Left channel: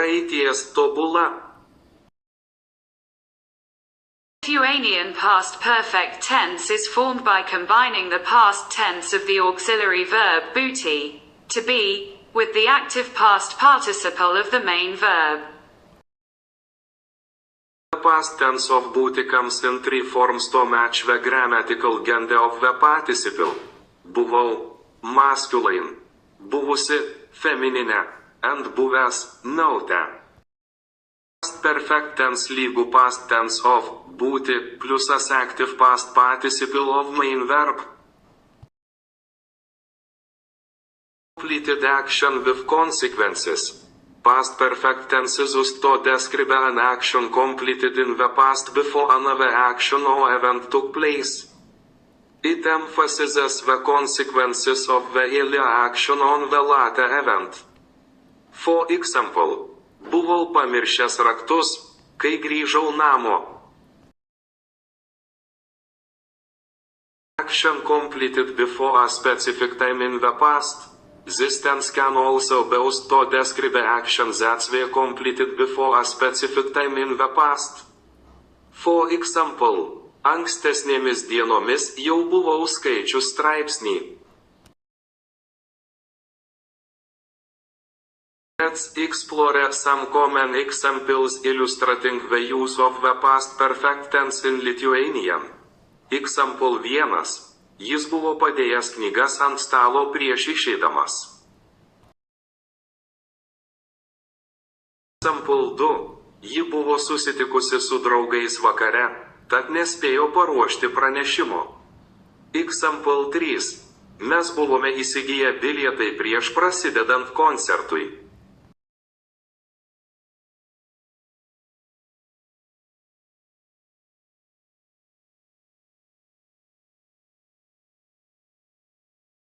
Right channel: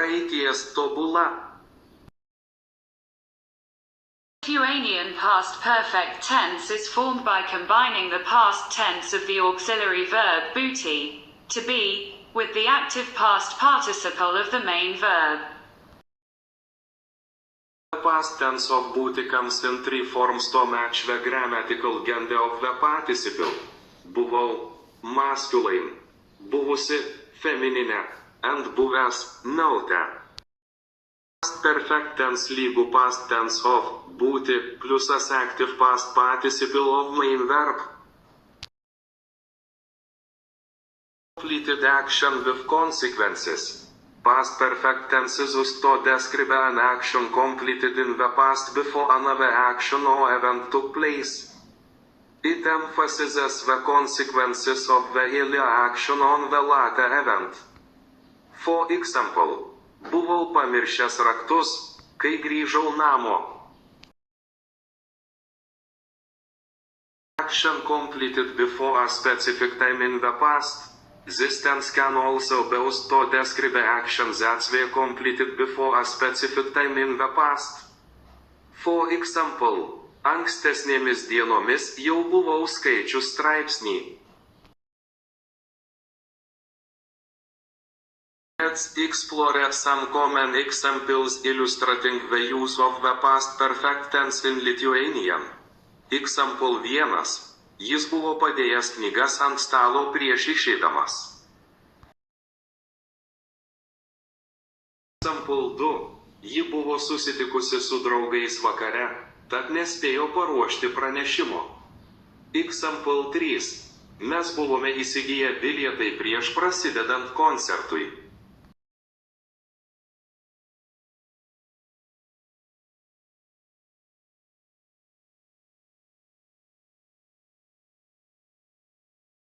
Praeities tobula. Lithuanian past perfect tense is formed by combining the past tense of the auxiliary verb būti, to be, with the active past participle of the main verb. The past tense of būti comes in three forms to match the grammatical gender of the participle. Buvau, masculine, buvusi, feminine, and buvęs, neuter. Past perfect tense lygu past tense of būti plus as active past participle of main verb. Completed action with consequences. Past perfect tenses used to describe an action completed in the past before another action or event took place. It emphasizes the consequences of the earlier action on the later event. For example, buvau pamiršęs raktus, kai grįžau namo. Action completed before a specific time in the past. This tense can also be used to describe actions that were completed before a specific time in the past. For example, ankstesnėmis dienomis jau buvau skaičius straipsnį. Let's explore some common examples illustrating the use of the past perfect tense in Lithuanian. Example 1. Jis buvo padėjęs knygas ant stalo prieš išeidamas. Example 2. Ji buvo susitikusi su draugais vakare, tad nespėjo paruošti pranešimo. Example 3. Mes buvome įsigiję bilietai prieš prasidedant koncertui.